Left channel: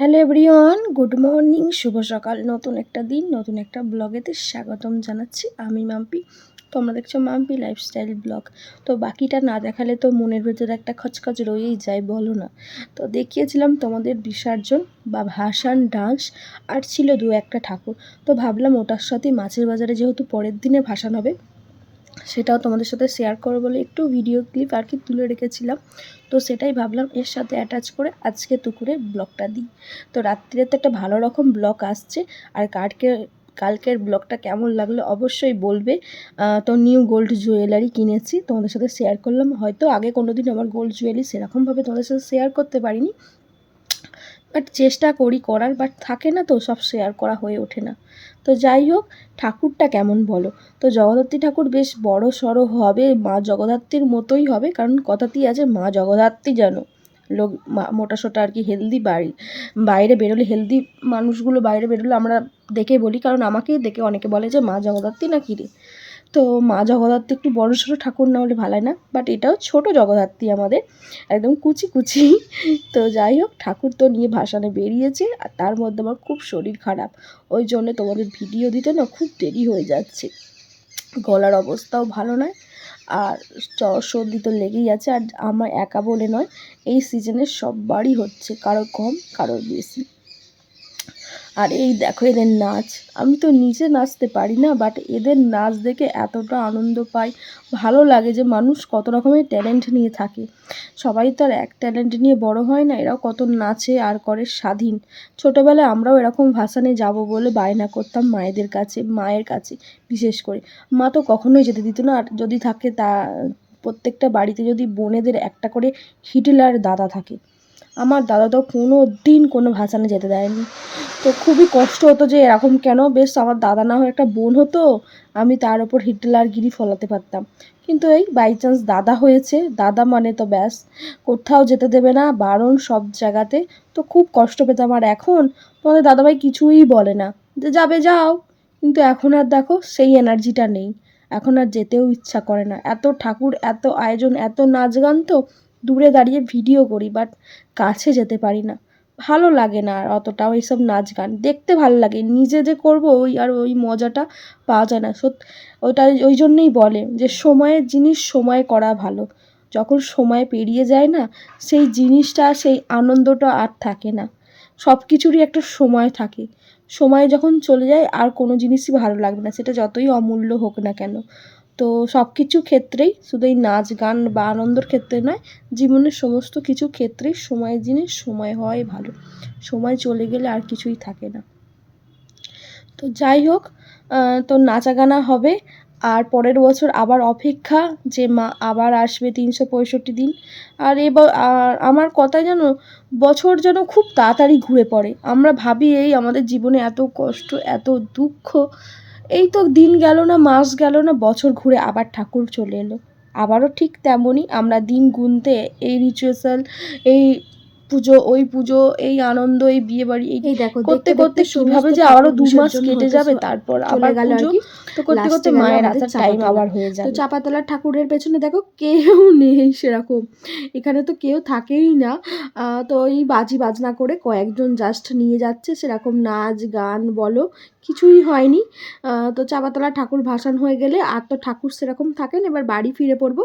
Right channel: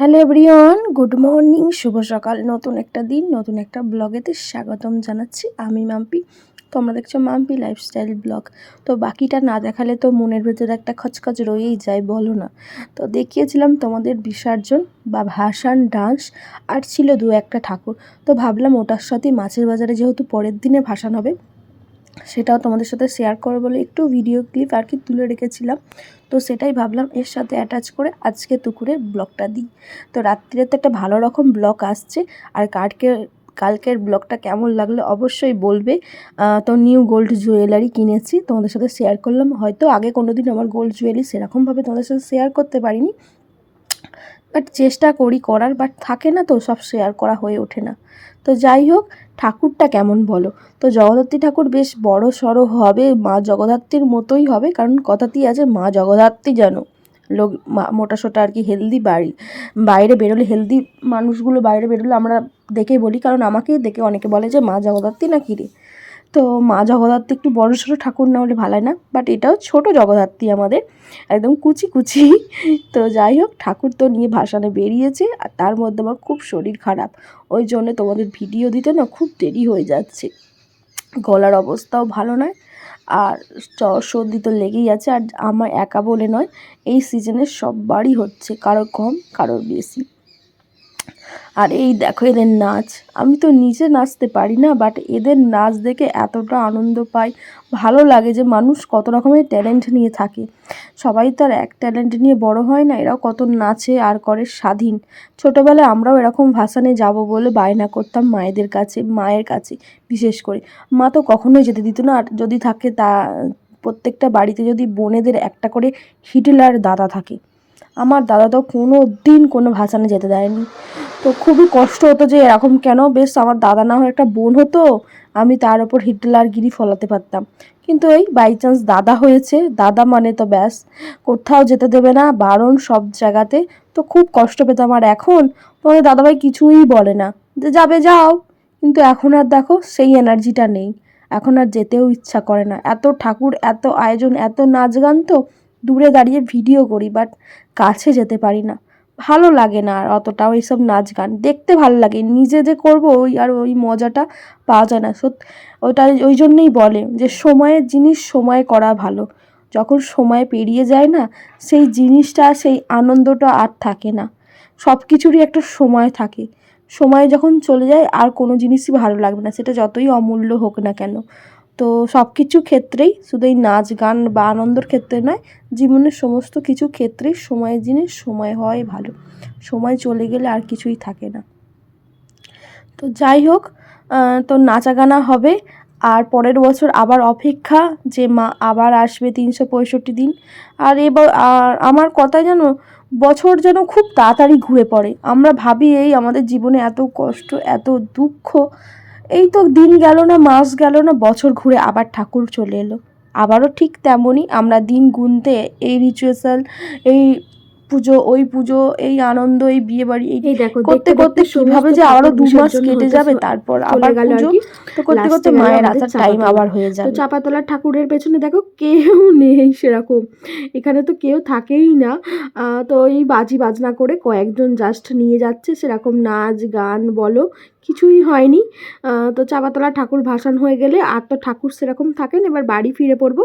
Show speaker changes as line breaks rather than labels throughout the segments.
Hello everyone, good morning, শুভ সকাল। নতুন একটা দিন, নতুন একটা ব্লগেতে স্বাগতম জানাচ্ছি আমি মাম্পি। তোমরা দেখছ মাম্পি লাইফস্টাইল ব্লগ তো বাকিটা না দেখালে তো মনের ভেতরে একটা খচখচ রয়েই যায়, বলো না। তো দেখিয়েছিলাম তোমাদের বিসর্জন বা ভাসান ডান্স, আর ছিল দু একটা ঠাকুর। তো ভাবলাম ওটার সাথে মাছের বাজারে যেহেতু পরের দিনে ভাসান হবে সেটাও তোমাদের সাথে শেয়ার করব বলে একটু ভিডিও ক্লিপ আর কি তুলে রেখেছিলাম। তো সেটাই ভাবলাম এর সাথে অ্যাটাচ করে আজকে দুপুরে ব্লগটা দিই। তো রাত্রিরে তো একটা ভালো রকম ব্লগ আসছে। আর কালকে, কালকের ব্লগটা কেমন লাগল অবশ্যই বলবে। তো নিউ গোল্ড জুয়েলারি কিনেছি, তোমাদের সাথে শেয়ার করলাম। হয়তো আগে কোনো দিন আমার গোল্ড জুয়েলারি সেরকমভাবে তোমাদের সাথে শেয়ার করতে পারিনি। বাট চেষ্টা করি করার, বাট থাকে না তো সব শেয়ার করা হয়ে ওঠে না। তো যাই হোক, ঠাকুরটা কেমন বলো? তো জগদ্ধাত্রী ঠাকুর বেশ বড় সড়ো হবে, মা জগদ্ধাত্রীর মতোই হবে, কারণ কথাতেই আছে, মা জগদ্ধাত্রী যেন। লোক মোটা সোটা আর কি হেলদি বাড়ি। বাইরে বেরোলে হেলদি মানুষগুলো বাইরে বেরোলে আমরা দেখে বলি, কারণ আমাকেই দেখে অনেকে বলে যে, মা জগদ্ধাত্রী না কি রে? তো মা জগদ্ধাত্রী একটু বড় সড়ো ঠাকুর না হলে ভালো না বাট এটাও ছোট জগদ্ধাত্রী আমাদের, একদম কুচি কুচি। তো যাই হোক, ঠাকুর তো নিয়ে ভাসানে বেরিয়েছে, আর তার মধ্যে আমার খুব শরীর খারাপ। ওই জন্য তোমাদের ভিডিও দিতে না খুব দেরি হয়ে যাচ্ছে। গলার অবস্থাও ভালো নয়, আর সর্দি তো লেগেই আছে, আর আমার একা বলে নয়, এই সিজনে সববারই হচ্ছে, কারোর কম, কারোর বেশি। আর এই দেখো এদের নাচ। আমি তো নিজে নাচতে পারি না বাট এদের নাচ দেখে এতটা আনন্দ পাই। ভালো লাগে যে মানুষ কত রকমের ট্যালেন্ট নিয়ে থাকে। সবাই তো আর এক ট্যালেন্ট নিয়ে বড় হয় না, এরাও কত নাচে আর করে স্বাধীন। ছোটোবেলায় আমরাও এরকম ভাসানে যাব বলে বায়না করতাম মায়েদের কাছে, মায়ের কাছে বিশেষ করে। মা তো কখনোই যেতে দিত না, আর যদি থাকে তা, প্রত্যেকটা বাড়িতে যদি বোনেদের একটা করে হিটলার দাদা থাকে। আমার দাদা তো কোনো দিন কোনো ভাসানে যেতে দেয়নি। তো খুবই কষ্ট হতো যে এরকম কেন? বেশ আমার দাদা না হয় একটা বোন হতো, আমি তার ওপর হিটলারগিরি ফলাতে পারতাম। কিন্তু এই বাই চান্স দাদা হয়েছে, দাদা মানে তো ব্যাস, কোথাও যেতে দেবে না, বারণ সব জায়গাতে। তো খুব কষ্ট পেতাম আর এখন তোমাদের দাদাভাই কিছুই বলে না, যে যাবে যাও। কিন্তু এখন আর দেখো সেই এনার্জিটা নেই, এখন আর যেতেও ইচ্ছা করে না। এত ঠাকুর, এত আয়োজন, এত নাচ গান তো দূরে দাঁড়িয়ে ভিডিও করি বাট কাছে যেতে পারি না। ভালো লাগে না আর অতটাও এইসব নাচ গান। দেখতে ভালো লাগে। নিজে যে করব ওই আর ওই মজাটা পাওয়া যায় না। সত্যি ওটা ওই জন্যই বলে যে সময়ের জিনিস সময় করা ভালো। যখন সময় পেরিয়ে যায় না, সেই জিনিসটা, সেই আনন্দটা আর থাকে না। সব কিছুরই একটা সময় থাকে। সময় যখন চলে যায়, আর কোনো জিনিসই ভালো লাগবে না। সেটা যতই অমূল্য হোক না কেন। তো সব কিছু ক্ষেত্রেই, শুধু এই নাচ গান বা আনন্দর ক্ষেত্রে নয়, জীবনের সমস্ত কিছু ক্ষেত্রেই সময়ের জিনিস সময় হওয়াই ভালো। সময় চলে গেলে আর কিছুই থাকে না। তো যাই হোক তো নাচা গানা হবে, আর পরের বছর আবার অপেক্ষা যে মা আবার আসবে তিনশো পঁয়ষট্টি দিন। আর এবার আমার কথা যেন বছর যেন খুব তাড়াতাড়ি ঘুরে পড়ে। আমরা ভাবি এই আমাদের জীবনে এত কষ্ট, এত দুঃখ এই তো দিন গেল না মাস গেল না বছর ঘুরে আবার ঠাকুর চলে এলো। আবারও ঠিক তেমনই আমরা দিন গুনতে এই রিচুয়াল এই পুজো ওই পুজো এই আনন্দ এই বিয়ে বাড়ি এই করতে করতে কীভাবে যে আবারও দু মাস কেটে যাবে তারপর আবার
গেল
পুজো
কি
তো করতে করতে মায়ের আসার টাইম আবার হয়ে
তো
যাবে
চাপাতলার ঠাকুরের পেছনে দেখো কেউ নেই সেরকম। এখানে তো কেউ থাকেই না। আহ, তো এই বাজি বাজনা করে কয়েকজন জাস্ট নিয়ে যাচ্ছে সেরকম নাচ গান বলো কিছুই হয়নি। তো চাপাতলা ঠাকুর ভাসান হয়ে গেলে আর তো ঠাকুর সেরকম থাকেন, এবার বাড়ি ফিরে পড়ব।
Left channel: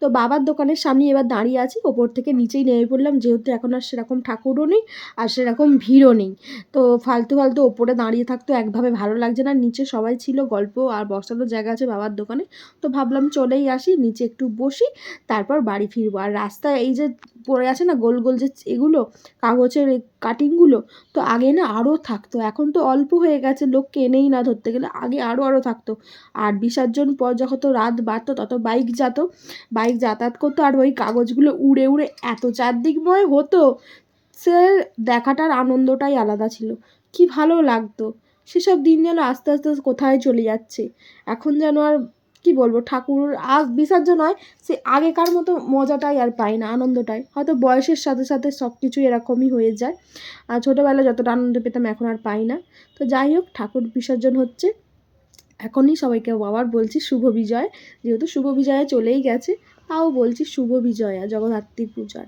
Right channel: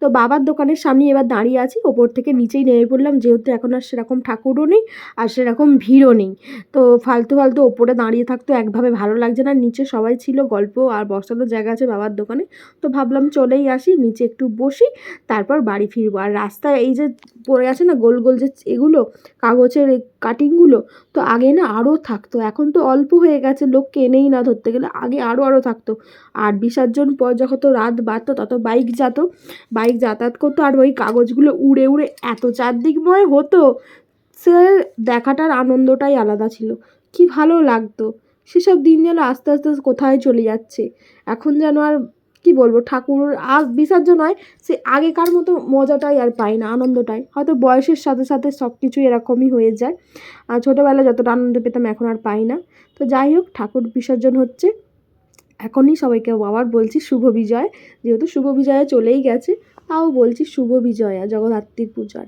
তো বাবার দোকানের সামনে এবার দাঁড়িয়ে আছি, ওপর থেকে নিচেই নেমে পড়লাম, যেহেতু এখন আর সেরকম ঠাকুরও নেই আর সেরকম ভিড়ও নেই। তো ফালতু ফালতু ওপরে দাঁড়িয়ে থাকতো একভাবে ভালো লাগছে না, নিচে সবাই ছিল, গল্প আর বসানোর জায়গা আছে বাবার দোকানে। তো ভাবলাম চলেই আসি, নিচে একটু বসি, তারপর বাড়ি ফিরবো। আর রাস্তায় এই যে পড়ে আছে না গোল গোল যে এগুলো, কাগজের কাটিংগুলো তো আগে না আরও থাকতো। এখন তো অল্প হয়ে গেছে লোক কেনেই না ধরতে গেলে আগে আরও আরও থাকতো। আর বিসর্জন পর যখন তো রাত বাড়তো, তত বাইক যেত। বাইক যাতায়াত করতো আর ওই কাগজগুলো উড়ে উড়ে এত চারদিকময় হতো, সে দেখাটার আনন্দটাই আলাদা ছিল। কি ভালো লাগতো। সেসব দিন যেন আস্তে আস্তে কোথায় চলে যাচ্ছে। এখন যেন আর কি বলব? ঠাকুর আগ বিসর্জন হয় সে আগেকার মতো মজাটাই আর পাই না, আনন্দটাই। হয়তো বয়সের সাথে সাথে সব কিছু এরকমই হয়ে যায়। আর ছোটোবেলায় যতটা আনন্দ পেতাম এখন আর পাই না। তো যাই হোক, ঠাকুর বিসর্জন হচ্ছে। এখনই সবাইকে আবার বলছি শুভ বিজয়। যেহেতু শুভ বিজয়া চলেই গেছে, তাও বলছি শুভ বিজয়া জগদ্ধাত্রীর পূজার।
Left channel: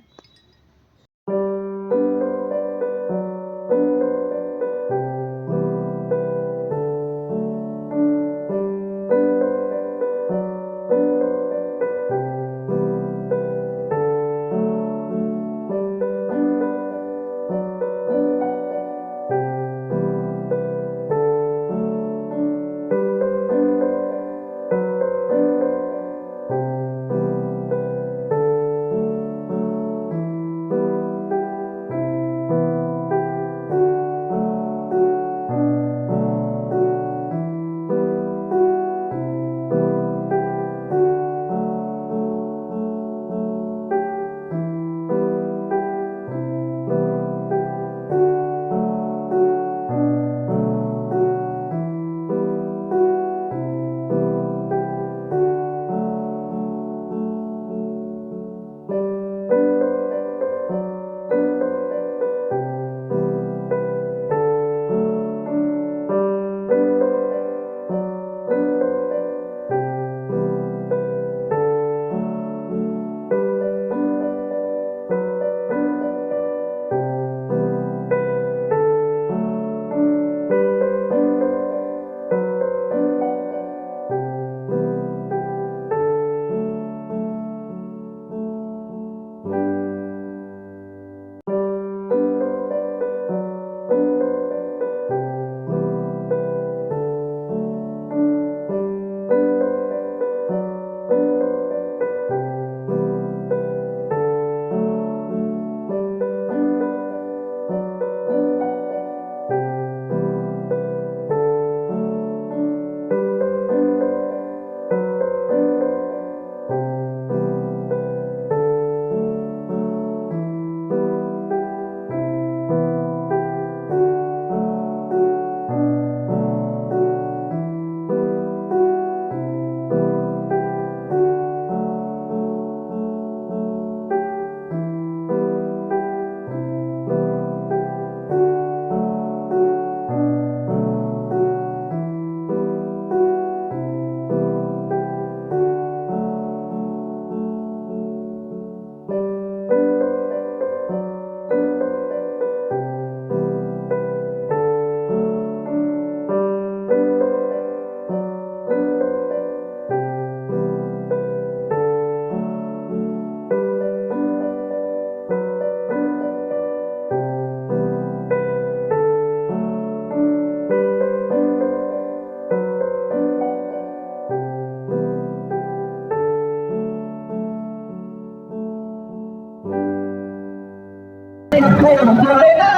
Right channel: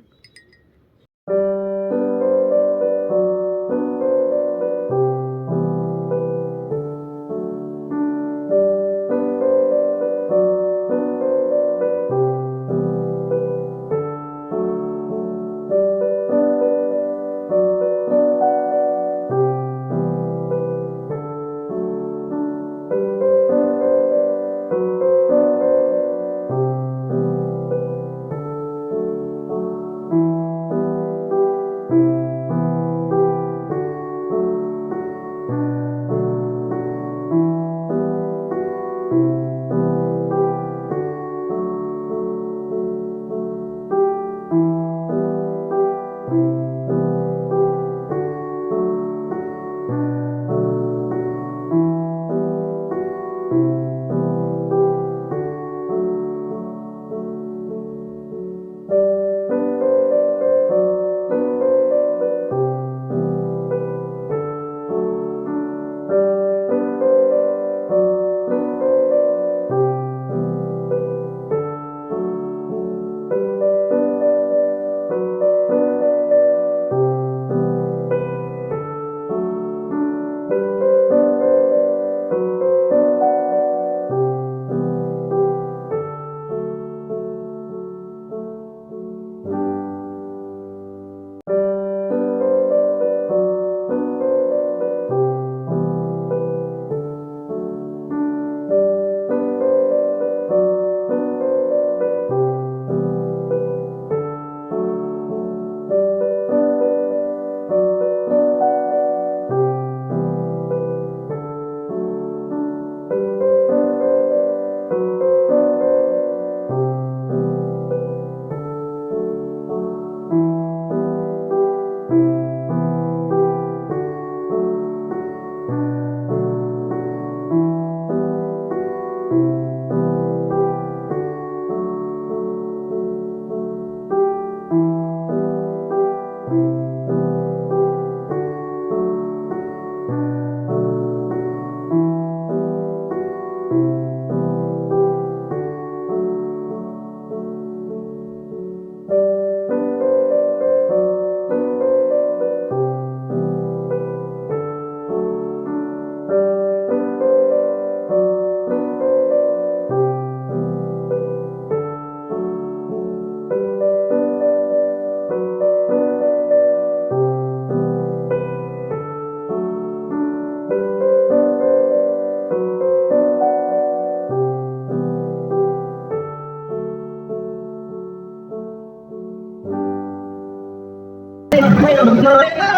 ¡Vamos! ¡Vamos!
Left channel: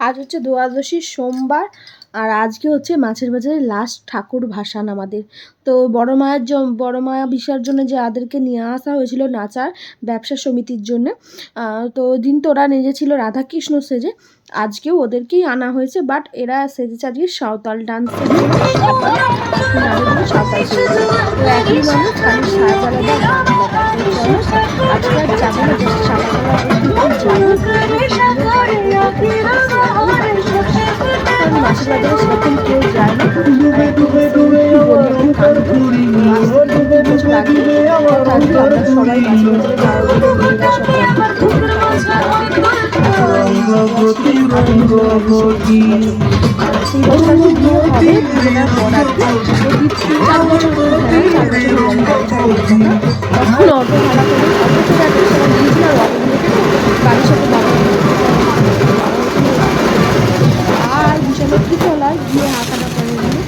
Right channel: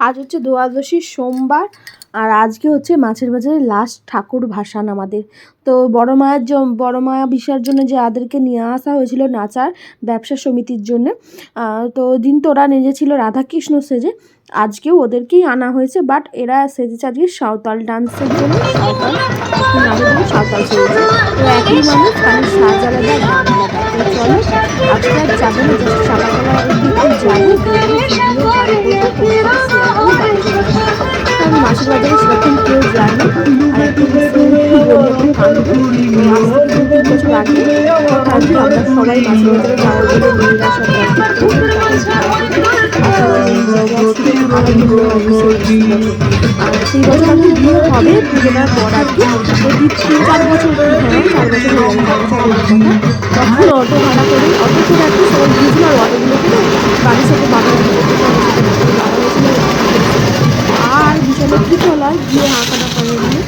আজ হচ্ছে দ্বাদশী সোমবার, আর আজকে হচ্ছে মাছের বাজারে লাস্ট ঠাকুর ভাসান আমাদের। তো বড় মায়ের বড় মায়া বিসর্জনে যে আদেরকে নিয়ে আসা হয়েছিল নাচার ব্যবসা সমিতির জন্য তো দিন তো ওরা নেজেছিল রাধাকৃষ্ণ সেজে, আজকেও ওদেরকেই আনা হয়েছে বাট এরা সেজেছে আজকে সাঁওতাল ডান্সের জন্য সাঁওতাল সাঁওতাল তো একই মানুষ সাজ আলাদা যাব কারণ মাসির বাজারে সেরকম কেউ যায় না। বছর আগে আমরা সবাই বাজারে সেই বছর বিয়ে হবে দুজনের পর আর কি চার বছর তখন অটো ভাড়া করে অটো করে আর কি সবাই গিয়েছিল আর অটোগুলোকে না গাড়ির সাথে বাধা আর হয় গিয়ে হাঁকাটা করে নিয়ে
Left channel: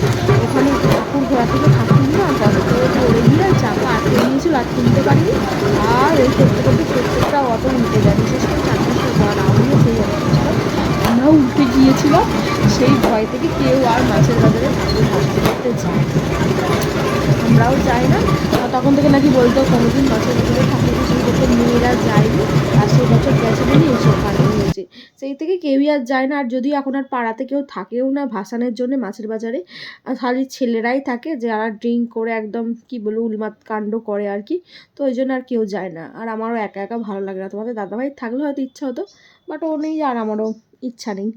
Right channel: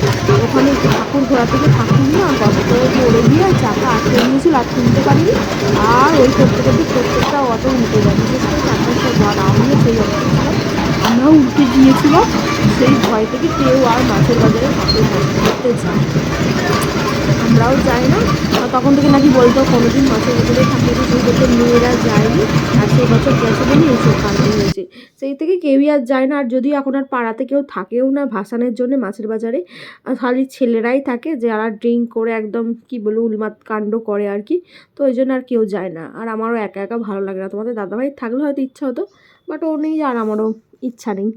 ওখানে ঠাকুর ঘোরা থেকে ঠাকুর না গত পড়ে গিয়ে চাকা আটকে নিয়েছিল, আর তুলতে পারিনি। আর ওই করতে করতে প্রত্যেকটা অটো উল্টে যায়। বিশেষ করে চার পাঁচটা ঘর, আমিও সেই অটো আমরা উল্টে গিয়েছিলাম। সেই ভয় থেকে কেউ আর মাছের বাজারে ঠাকুর ভাসতে করতে যায়। আমরাও যাই না। তখন থেকে নাকি বলতো, কোনোদিন মাছের বাজারে ঠাকুর শুরু করতে মেয়েরা যায়নি, আর সেই বছর গেছে বলে এইসব কাণ্ড হয়েছে। সেই থেকে কেউই আর যায় না। আর যদি এখন আর পাড়াতে কেউ থাকেও না, ভাসানের জন্য মাছের বাজারে খালি ছেলেরাই থাকে যে যারা ড্রিঙ্ক করে একদম, কি বলব উলমাত কাণ্ড করে আর কি। তো ওই জন্য আর কেউ যায় না। আর আমারও একা একা ভালো লাগে না। তোমাদের দাদাভাই থাকলে হয়তো ইচ্ছা হতো, বাট ও নেই আর আমারও ইচ্ছা নেই।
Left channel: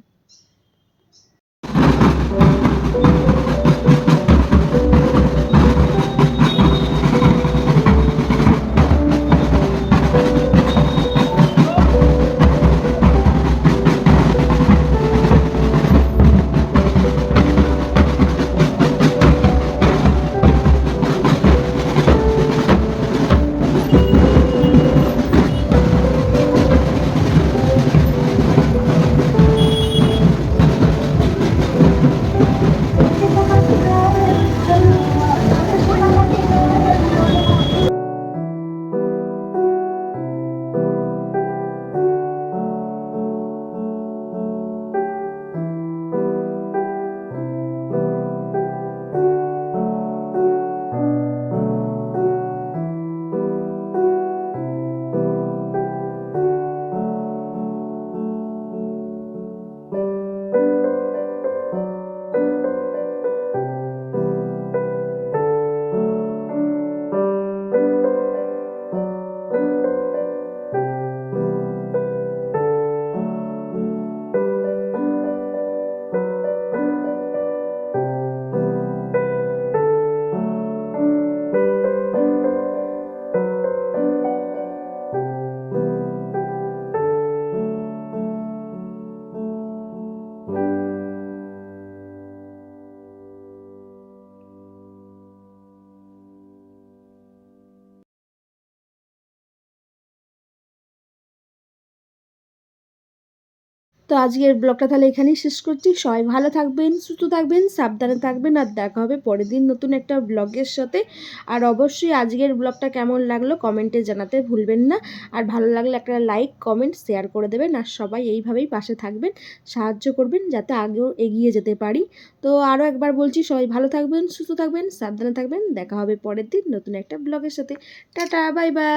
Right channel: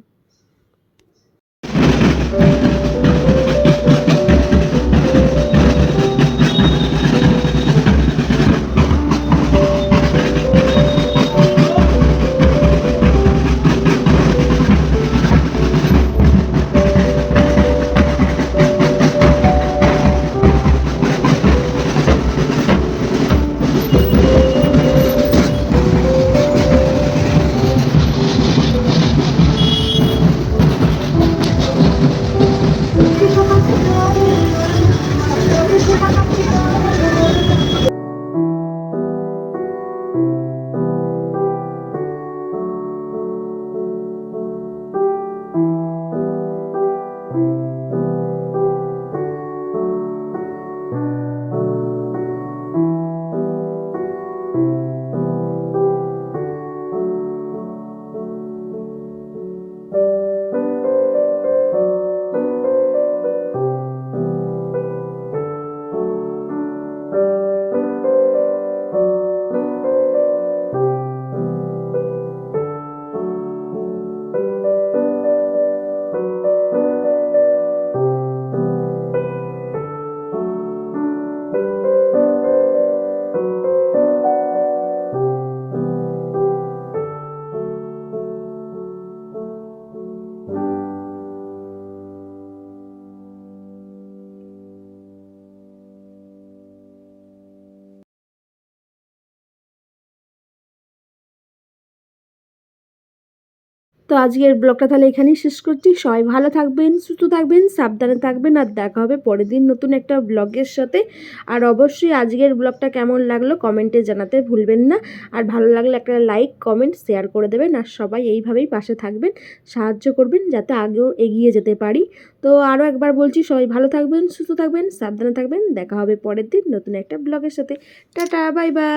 তো আজকের ব্লগটা তাহলে এখানেই শেষ করছি। সবাই ভালো থাকবেন, সুস্থ থাকবেন, সাবধানে থাকবেন আর দেখা হবে পরের দিন নতুন একটা ব্লগের সাথে। আর অবশ্যই আজকের ব্লগটা কেমন লাগল কমেন্টে জানাতে ভুলবেন না। আর ভালো লাগলে একটা লাইক, কমেন্ট, শেয়ার করে দেবেন। আর সবাই এইভাবেই পাশে থাকবেন, সাহায্য করবেন যাতে আগেও এগিয়ে যেতে পারি। তো আরও একবার বলছি, সবাই ভালো থাকবেন, সুস্থ থাকবেন, সাবধানে থাকবেন। দেখা হবে পরের দিন নতুন একটা ব্লগের সাথে। Tata, bye bye.